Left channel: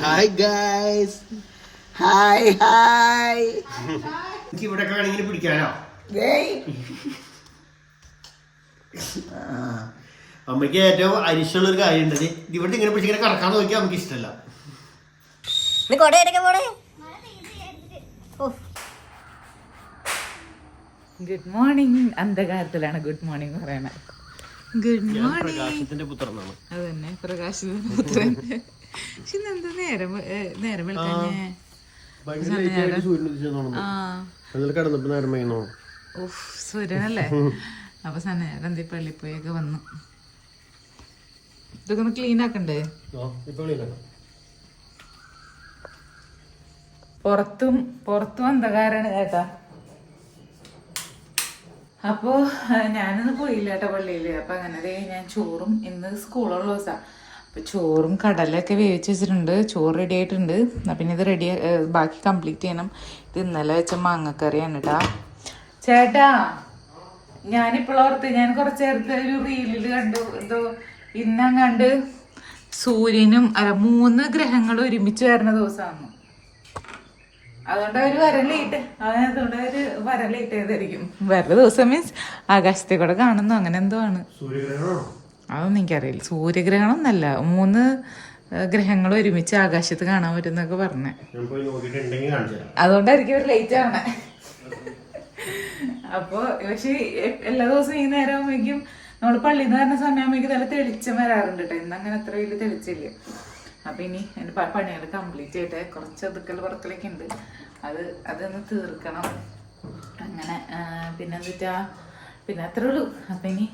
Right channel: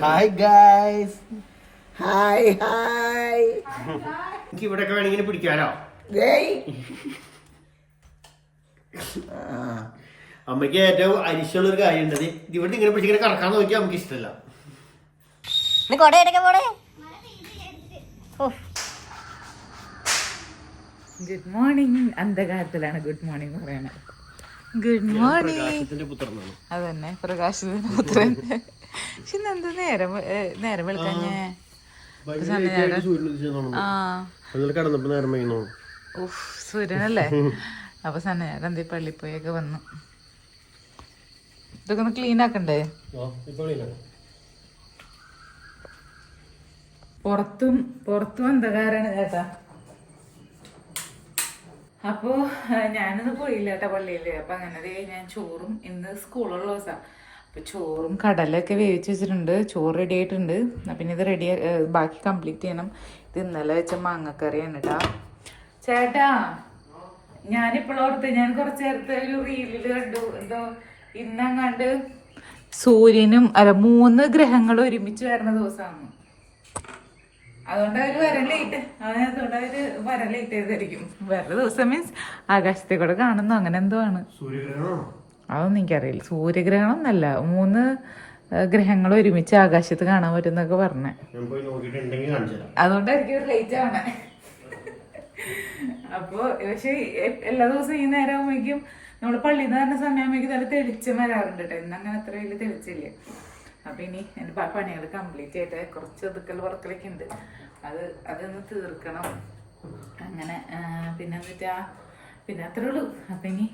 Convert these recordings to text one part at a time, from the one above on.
Hi guys, hi hi. എനിക്ക് ഇവിടെയൊക്കെ വേണമെങ്കിൽ പിടിക്കാലോ. അമ്മയ്ക്ക് ഏറ്റവും അരിശുള്ള ഒരു കാര്യം ഉണ്ട്, ഇവിടെ ഇങ്ങനെ പിടിച്ചിങ്ങനെ കറക്കാൻ നോക്കിയാൽ അമ്മക്ക് ഇഷ്ടമല്ല. Good morning. അന്ധകാരത്തിലാണ് ഗുഡ് മോർണിംഗ് പറയണത്. Good morning. പുത്രനാണ് അതന്നെ, പ്രകാശത്തിന്റെ പുത്രൻ. പക്ഷെ ഇന്നെന്താ നേരം വെളുക്കാഞ്ഞേ? സൂര്യനല്ലേ? അപ്പൊ സന്നേരം പള്ളി പോയൊക്കെ വന്നു. ഇതൊക്കെ ഒന്ന് ക്ലീൻ ആക്കണ്ടേ? പുറത്തും അന്ധകാരാണ് ചേട്ടാ. അപ്പോ ഞാനൊന്നും പോയില്ല കേട്ടോ പള്ളിയില്. അപ്പൊ അങ്ങനെ ഞാൻ ചോറും, ഇന്ന് സ്കൂളുള്ള ദിവസമാണ്, അപ്പൊ ചോറും കടലൊക്കെ വേവിച്ച് വെച്ചിട്ടുണ്ട്. ചോറ് റെഡി ആയിട്ടുണ്ട്. പിന്നെ ഇത് റെഡി, ബാക്കി കംപ്ലീറ്റ് ചെയ്യണം. ഇത് ഇന്നലെ വെച്ച മാങ്ങക്കറിയാണ് കേട്ടാ. ചേട്ടാ, ഞാനിപ്പോഴോർത്ത്, ഞാൻ കുറച്ച് നേരത്തെ ഒരു റീലില് കണ്ടു, എന്തോ ഇന്നങ്ങാണ്ട് സൂര്യനും 3 ഗ്രഹങ്ങളും ഒരുമിച്ച് വരുന്ന ദിവസമാണ്. അതുകൊണ്ട് അവര് വരാൻ ലേറ്റ് ആയതായിരിക്കും. വേറെ ദിവസം മീൻസ് ആകാശത്തെ കൂടെ കാണുന്നു, അങ്ങനെ എന്തോ ആണ്. അതൊന്നും എനിക്കറിയില്ല. സൂര്യഗ്രഹണം എന്നല്ല, 3 ഗ്രഹങ്ങൾ ഒരുമിച്ച് ആകാശത്ത് കാണാൻ പറ്റും എന്നൊക്കെ പറഞ്ഞേ. അതുകൊണ്ടായിരിക്കും ഒരു ലേറ്റ് ആവണേ. അപ്പൊ പക്ഷെ എല്ലാ ദിവസവും ഈ നേരം ആകുമ്പോഴേക്കും നമ്മള് പള്ളിയിൽ നിന്ന് വരുന്ന സമയമാകുമ്പോഴേക്കും നല്ല തെളിച്ചം വരാറുണ്ട് കേട്ടോ. ഇന്ന് അങ്ങനെ അത്ര വലിയ തെളിച്ചില്ല. അപ്പൊ ഇനി എന്റെ പണികൾ കംപ്ലീറ്റ് ആയിട്ട് കുറച്ച് ഒതുക്കൽ പുറക്കലൊക്കെ ഉണ്ട്, അതൊന്ന് തീർക്കണം. അങ്ങനെ പിന്നെ അത്രേ ഉള്ളൂ. അപ്പൊ ഇനി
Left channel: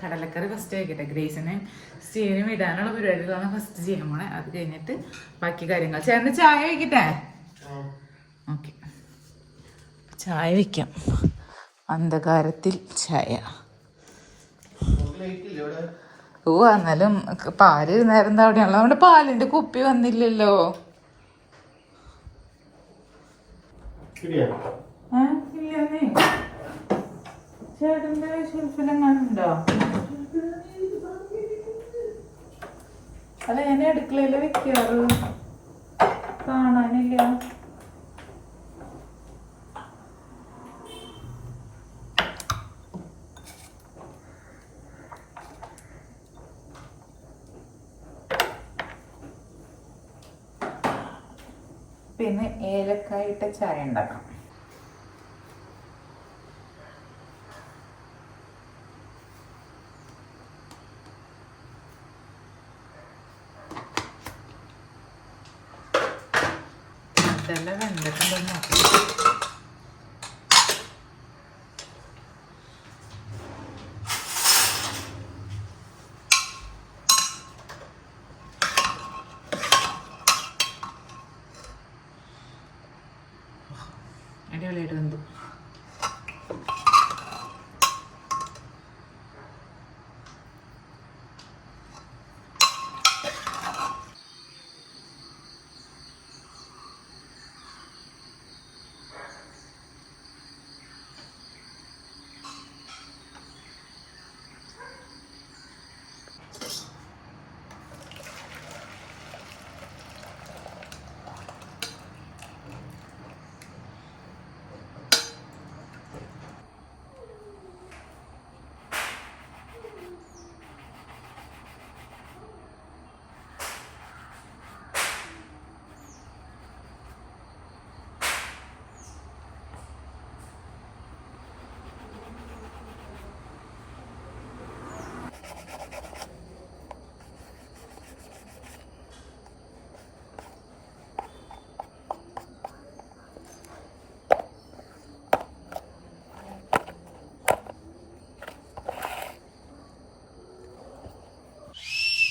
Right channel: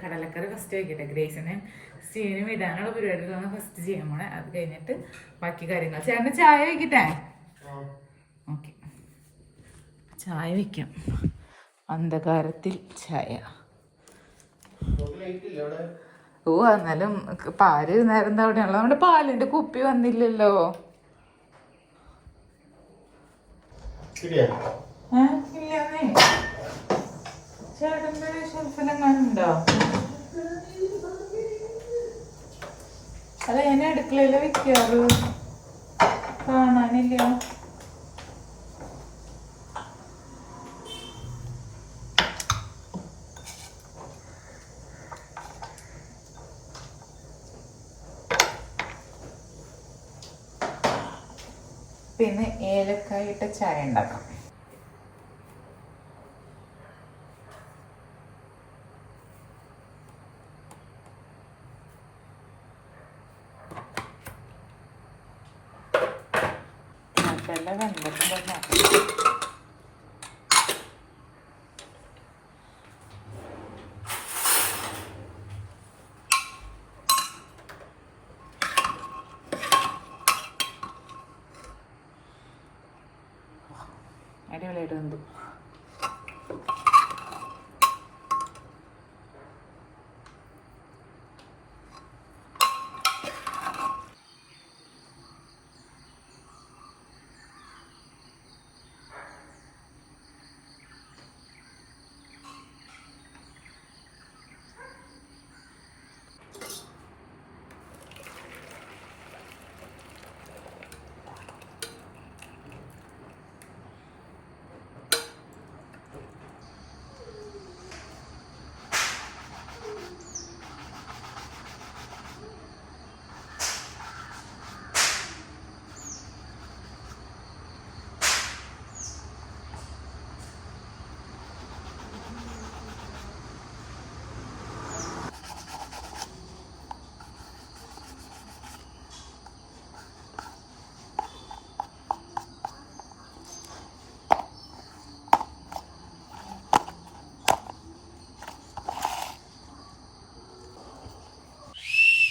കടലക്കറി ഫസ്റ്റ് ആയിക്കട്ടെ. ഗ്രേസിനെയും സ്റ്റീവിനും ഇടാനുള്ള പരിപാടികളാണ് ഫസ്റ്റ് ചെയ്യാൻ പോണേ. അത് കഴിഞ്ഞിട്ട് ബാക്കി കാര്യങ്ങൾ. ചേട്ടന് ചായ വയ്ക്കട്ടെ? ഓക്കെ, ചായ വയ്ക്കാം. അന്ധകാരത്തിൽ ചായ. ഓ, എന്നാലും പാല് നേരം അവിടെയാണല്ലോ. നമ്മുടെ പാലിന്റെ കുപ്പി വന്നില്ലല്ലോ. ചേട്ടന്റെ ഷെൽഫിലെങ്ങാനുണ്ടോ? അത് ഞാൻ അടുക്കളയില് വെക്കാറ്, കാണാനില്ല. പിന്നെ ഏലക്കായിട്ട് ചായ ഉണ്ടാക്കാം. അതെല്ലാം കണ്ടിട്ടുണ്ടോ? അടിപൊളിയായിട്ട് വന്നു.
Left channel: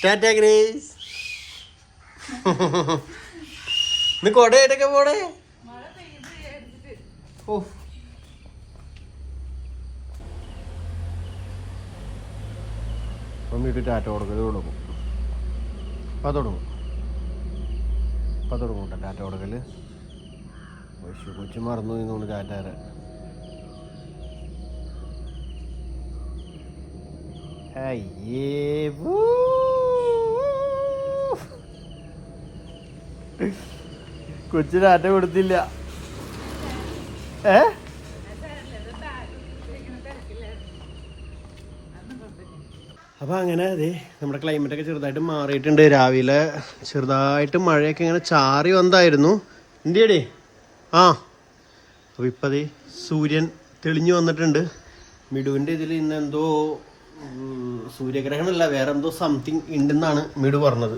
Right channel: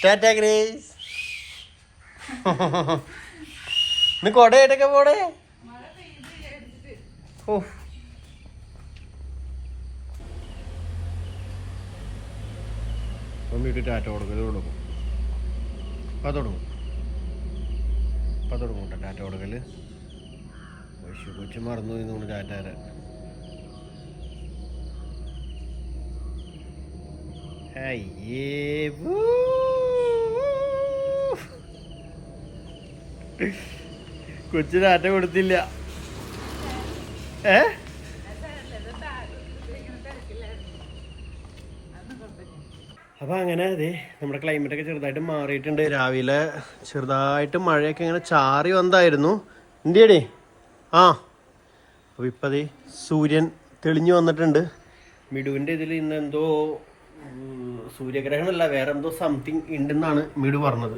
ടാറ്റാ ഗ്രേസ്. ഇന്ന് കൊടയായിട്ടൊക്കെ പോണേ. മമ്മിട്ട് ടാറ്റ കൊടുക്കൽ തുടങ്ങും. തുടങ്ങും കേട്ടോ ടാറ്റ കൊടുക്കല്. കൊച്ചു മറന്നു തോന്നുന്നു ടാറ്റ. അയ്യേ. കൊച്ചിന് ആറ്റ കൊടുത്തില്ല. അപ്പൊ അങ്ങനെ അതെ നമ്മുടെ ക്ലൈമറ്റ് ഒക്കെ ചെറുതായിട്ട് മാറിയിട്ടുണ്ട്. രാവിലെ ചെറുതായിട്ട് മഴയൊക്കെ ഇങ്ങനെ ചാറി വന്നായിരുന്നു. എന്തിയടേ? ആ അപ്പൊ ഇപ്പതേ സൂര്യൻ തെളിഞ്ഞു വന്നിട്ടുണ്ട്. മിടുവിന്റെ ഇതിൽ ഇന്ന് എന്തോ സൂര്യഗ്രഹണമല്ല, വേറെ എന്തോ സംതിങ് ഉണ്ടെന്നാണ് മിടു പറഞ്ഞത്.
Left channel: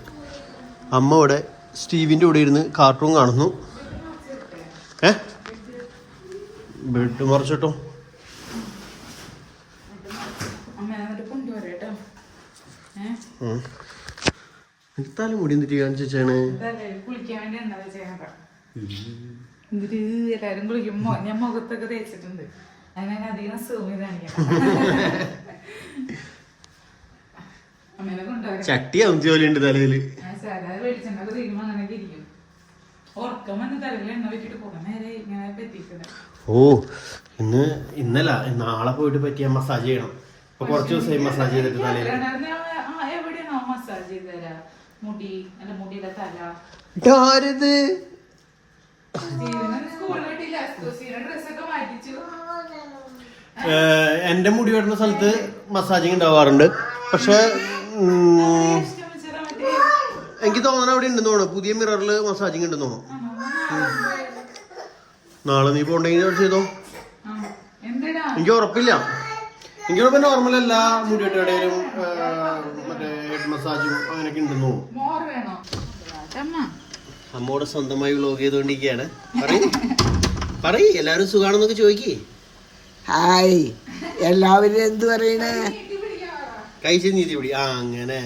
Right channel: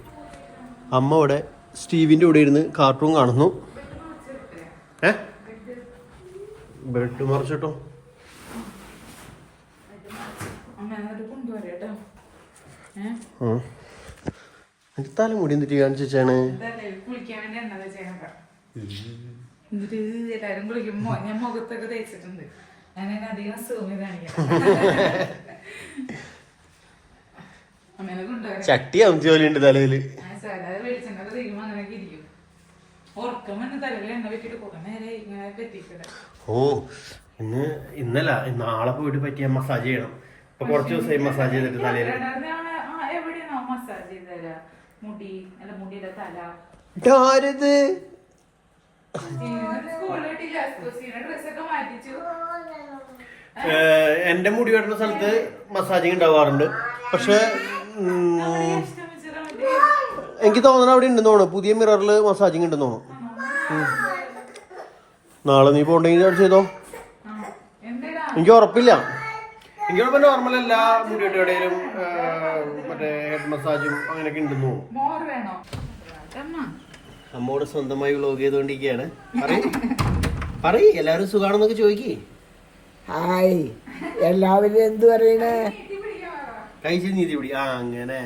അമ്മ ഇവിടെ സ്റ്റീവിന്റെ കൂടെ ഇരുന്ന് കാർട്ടൂൺ കാണുന്നു. ബെഡ് മറിച്ചിട്ടോ? തല മുടി എന്തിട്ട് കാണിച്ചാണ്? ഞാൻ മുഖത്തൊക്കെ തേച്ചിട്ടുണ്ട്. അതിനൊക്കെ അധികം സൂമി കാണിക്കാം. ചട്ടി അമിച്ച പോലെ ഉണ്ട് തലയില്. വെളിച്ചെണ്ണ തീരുമ്പോ അങ്ങനെയൊക്കെ ഇരിക്കും. ഉറക്കം വന്ന് തലയിൽ എണ്ണ വെച്ചിട്ട് കുറെ നേരം ഇങ്ങനെ എത്തിക്കില്ല. ഓ ഇന്നല്ല നാളെ പോയിട്ട് പറ്റിയ മസാജ് ചെയ്യണം. ഇപ്പൊ കുറച്ച് ദിവസമായി മസാജ് ചെയ്തിട്ട് തലയിൽ. എവിടെയാണോ മസാജ് ചെയ്ത് തരാ? മുടി അല്ല മുടിയുടെ തല. ഡ്രസ്സൊക്കെ മാറ്റിച്ചു. എന്റെ മുടി വെട്ടുന്ന സ്ഥലത്ത് മസാജിങ് ഉണ്ടാവാറുണ്ട്. പക്ഷെ എനിക്ക് തോന്നണ അവിടെ ഉണ്ടെന്ന് തോന്നുന്നു. പുതിയ മിററിൽ മസാജിങ് ഉണ്ടെന്ന് തോന്നുന്നു. നാളെ നീ പോണ്ടെങ്കിൽ അവിടെ ചെയ്തോ. എനിക്ക് ഉറപ്പില്ല. എനിക്കിപ്പോ നോർമൽ എല്ലാ മുടിവെട്ടുകടയിലും മറ്റേ ഹെഡ് മസാജും അങ്ങനെയൊക്കെ ഉണ്ടെന്ന് തോന്നുന്നു. അമ്മോട് സ്വന്തമായി വ്ലോഗ് ചെയ്തോണ്ടിരിക്കുകയാണ്. പറയ് എല്ലാവരും സുഖാണെന്നൊക്കെ ചോദിക്കേ. ഹായ്, എല്ലാവരും എന്ത് പറയണേ? കഴിച്ച നീതി പിടി. ആ അങ്ങനെ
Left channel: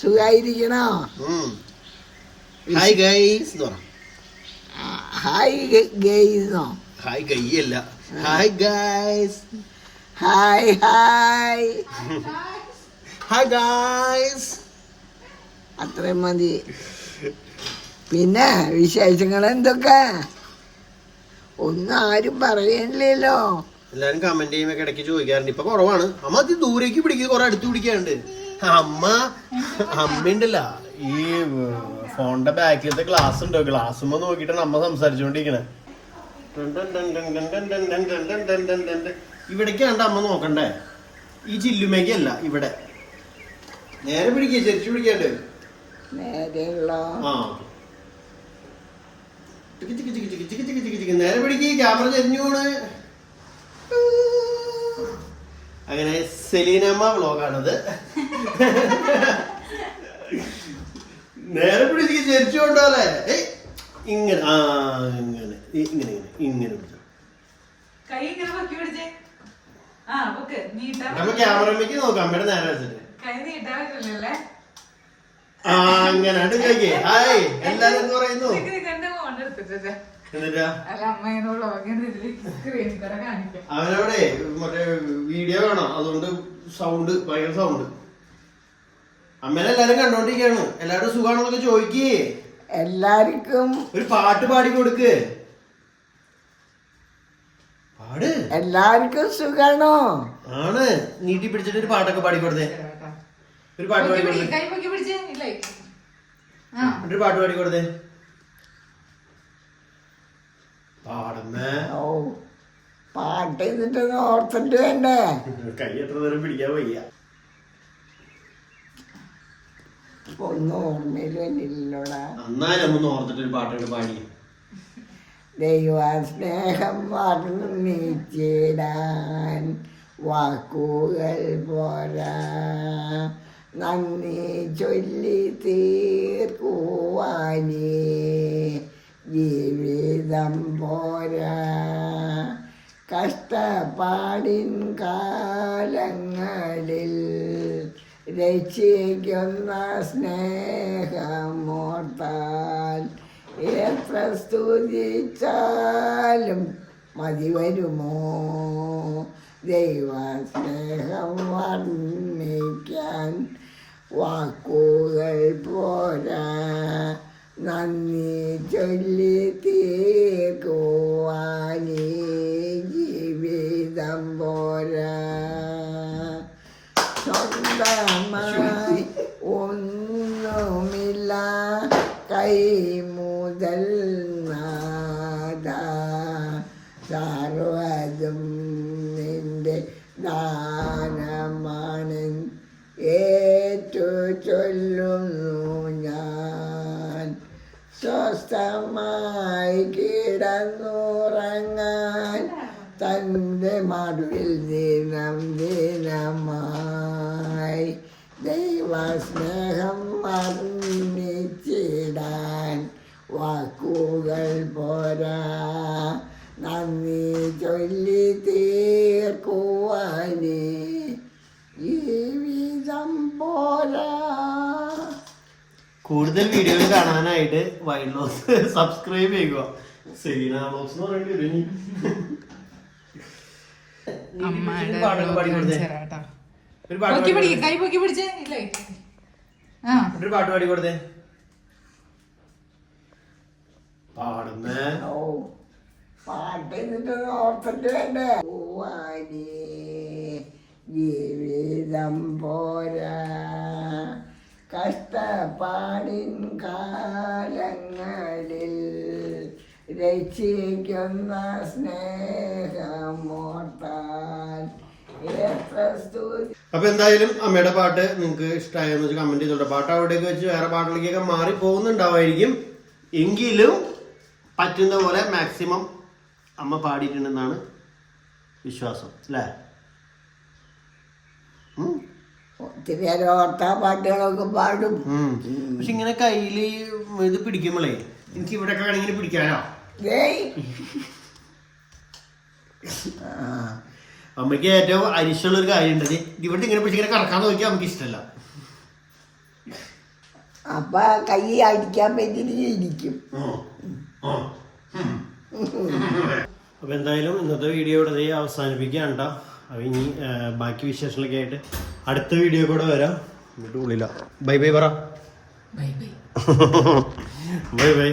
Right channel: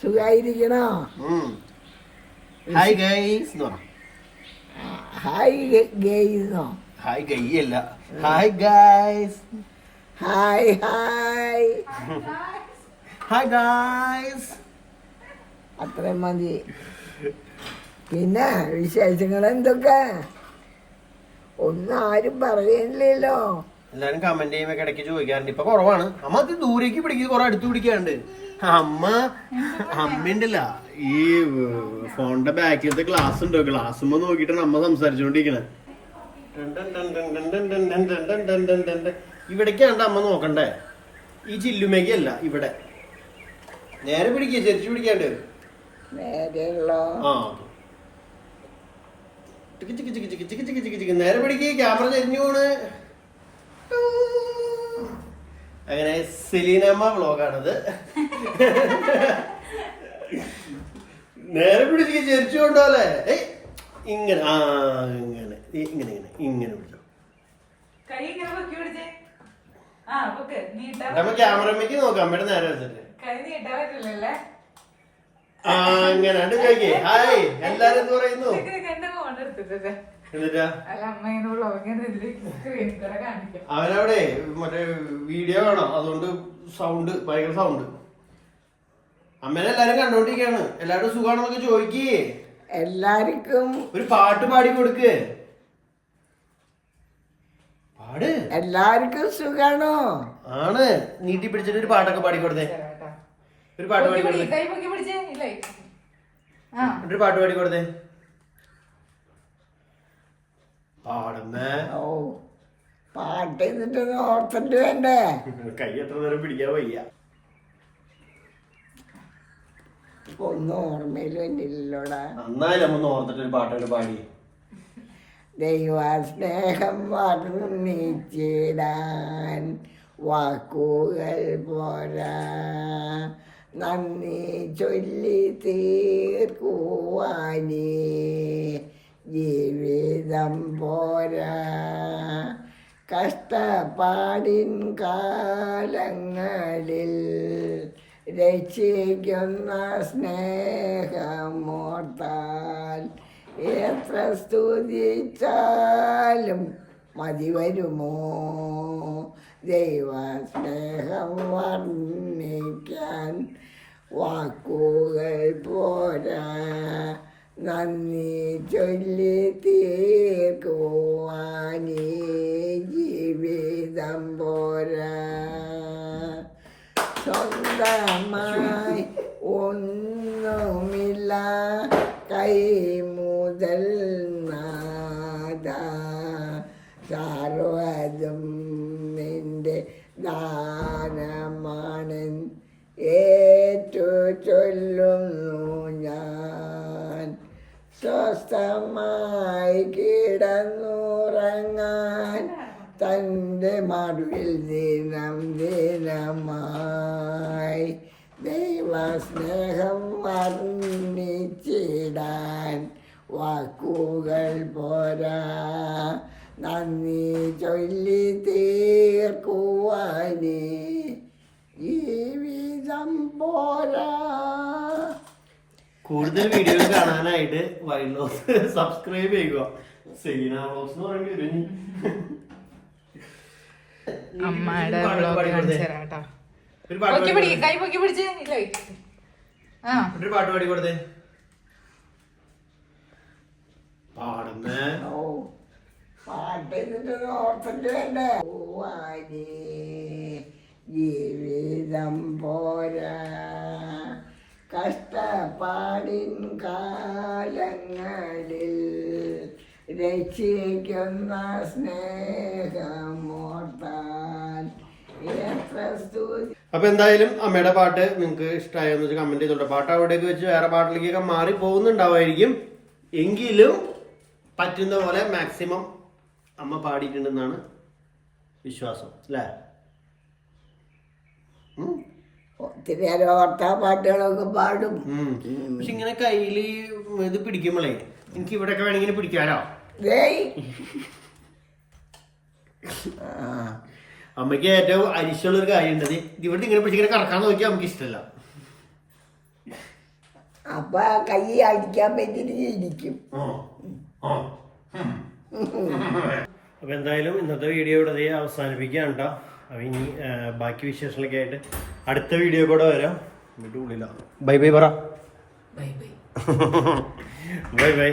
സുഖായിരിക്കണോ? ഹായ് ഗൈസ് എന്ന് പറ. ഹായ് ഗൈസോ? ഹായ് ഗൈയല്ല, hi guys. Hi hi hi guys. അത്രയും മതി. പിന്നെ വിശേഷങ്ങൾ എന്തൊക്കെ? ഒന്നും ആരും പറയണില്ലല്ലോ. എല്ലാരും കമന്റ് ചെയ്യുമ്പോ ഇടയ്ക്ക് ചോദിക്കാറുണ്ട്. ഇപ്പൊ കുറവാണ്. അമ്മ അത് ദൂരേക്ക് പിടിക്കുക, കുറെ അടുത്ത് പിടിക്കാറുണ്ട്. അമ്മയുണ്ടല്ല ഈ ഫോണിന്റെ ബാക്കിലത്തെ ഗ്ലാസ് ഉണ്ടോ, ഗ്ലാസുമ്പോ നോക്കിയിട്ടാണ് അമ്മ സംസാരിച്ചോണ്ടിരിക്കണേ. ഇവിടേക്കാണ്ട് അമ്മ നോക്കണ്ടേ, ഈ ചില്ലുമേക്കല്ല ഇവിടെ. നേരെ പിടിക്കുക, ചെരിച്ചു പിടിക്കാണ്ട്. നേരെ പിടിക്കുക, ക്യാമറ ചെരിഞ്ഞു പോണ്. അങ്ങനെ സെലീനമ്മ വ്ലോഗാണത്. നേരെ പിടിച്ച് ചെരിച്ചു കൊണ്ടോല്ലേ. ഇങ്ങനെ ഇങ്ങനെ ഇങ്ങനെ ഇങ്ങനെ ഇങ്ങനെ പിടിച്ചു. അപ്പൊ ക്യാമറമ്മക്ക് നോക്കാം. അമ്മയുടെ നേരെ വെച്ചിട്ട് അങ്ങനെ ചോദിക്കേ. ഹായ് എല്ലാരും എന്ത് പറയുന്നു? എന്നിട്ടാ അവനവിടെ മറ്റേ വീഡിയോ കാണാം, അതുകൊണ്ട് സൗണ്ട് ഭയങ്കര സൗണ്ട്. അമ്മേനെ എല്ലാരും കണ്ടോണ്ടിരിക്കാണ്. എല്ലാവരും സുഖാണെന്നൊക്കെ ചോദിക്കേ. എല്ലാവർക്കും ഒരു പാട്ട് പാടി കൊടുക്ക്. പാട്. എല്ലാവർക്കും സുഖാണോ? ആണ്. നീട്ടി പിടിച്ചിട്ട് ഒരു പാട്ടൊക്കെ പാടിക്കൊടുത്തേ. ഒരു പാട്ട് പാടിക്കൊടുത്തേ. ഒരു പാട്ട് പാടിക്കൊടുത്തേ. പാടുന്നേ. ഓ, പാട്ട് ചെയ്തിട്ട് ഓർത്തിട്ട് വേണ്ടേ? കൈ എത്ര നേരം പിടിക്കാൻ വയ്യ. ഒന്നും ഓർമ്മയിൽ വന്നില്ലല്ലോടാ. നന്നായി നമ്മ ഓർത്തിട്ട് ഒരു പാട്ടൊക്കെ പാടി. ദൈവസ്നേഹം വർണ്ണിച്ചിടാൻ വാക്കുകൾ പോരാ, നന്ദി ചൊല്ലി തീർക്കുവാനേ ജീവിതം പോരാ. കഷ്ടപ്പാടിൻ കാലങ്ങളിൽ രക്ഷിക്കുന്ന സ്നേഹമോർത്താൽ എത്ര സ്തുതിച്ചാലും മതി വരുമോ? ദൈവസ്നേഹം വർണ്ണിക്കാൻ വാക്കുകൾ പോരാ, നന്ദി ചൊല്ലി തീർക്കുവാനേ ജീവിതം പോരാ. സ്വന്തമായി ഒന്നുമില്ല, കൈ ചൊല്ലുന്നു ഞാൻ. സ്വസ്ഥമായി കിടന്നുറങ്ങാൻ തൻ്റെ മറുവിൽ ദിനം ദിനമായി ദൈവസ്നേഹം വർണ്ണിച്ചിടാൻ വാക്കുകൾ പോരാ. നന്ദി ചൊല്ലി തീർക്കുവാനേ ജീവിതം പോരാ. കൂടുതൽ വീഡിയോകൾ കാണാനായിട്ട് വൈൽഡ് ലോസ് സബ്സ്ക്രൈബ് ചെയ്യുക. സെലീന ബോക്സ് എന്ന് പറയേണ്ടി വരും ഇനി. അമ്മയുടെ പാട്ട് പാടി കൊടുത്തേ. ഒരു പാട്ട് പാടി കൊടുത്തേ. കൈ പൊക്കി പിടിച്ചേ ഇല്ല ആ ഒരു പാട്ട് പാടി കൊടുത്തേ. പാടുന്നേ. ഓ പാട്ട് എന്നിട്ട് ഓർത്തിട്ട് വേണ്ടേ. പോവാനേ ജീവിതം പോരാ. കഷ്ടപ്പാടിൻ കാലങ്ങളിൽ രക്ഷിക്കുന്ന സ്നേഹമോർത്താൽ എത്ര സ്തുതി. അപ്പൊ എന്തായാലും അമ്മയുടെ പാട്ട് നിങ്ങൾക്ക് ഇഷ്ടമായെന്ന് വെച്ചാൽ കമന്റ് ചെയ്തോട്ടെ. പാട്ട് അവിടേക്ക് വെച്ച് വേറെ പാട്ടിലേക്കൊക്കെ മാറി പോകുന്നുണ്ടാവായിരിക്കും. എങ്കിലും പറ്റുന്ന പോലെ മാക്സിമം അമ്മ പാടിയിട്ടുണ്ടെന്നാണ് വിശ്വാസം അല്ലേ? ഒത്തിരി നേരം ഓർത്താ പാട്ടുകളൊക്കെ പാടും. പക്ഷെ ഇങ്ങനെ കയ്യില് ഇത് പിടിക്കുമ്പോഴേ എനിക്ക് ഇവിടെയൊക്കെ വേണമെങ്കിൽ പിടിക്കാലോ. അമ്മയ്ക്ക് ഏറ്റവും അരിശുള്ള ഒരു കാര്യം ഉണ്ടത് ഇവിടെ ഇങ്ങനെ പിടിച്ചിങ്ങനെ കറക്കാൻ നോക്കിയാൽ നമുക്ക് ഇഷ്ടമല്ല. അപ്പൊ കൈ അടിക്കാൻ പറ്റിയിട്ട് ഇരിക്കും. അപ്പൊ എന്തായാലും ഇന്നത്തെ വീഡിയോ ഇവിടെ അവസാനിപ്പിക്കുകയാണ് കേട്ടോ. അപ്പൊ ഇനി ബാക്കി വിശേഷങ്ങളൊക്കെ ആയിട്ട് അടുത്ത വീഡിയോ കൂടെ വരാം. എന്നിട്ട് ഉള്ളില്ല. ബൈ ബൈ പറ. Bye bye bye bye.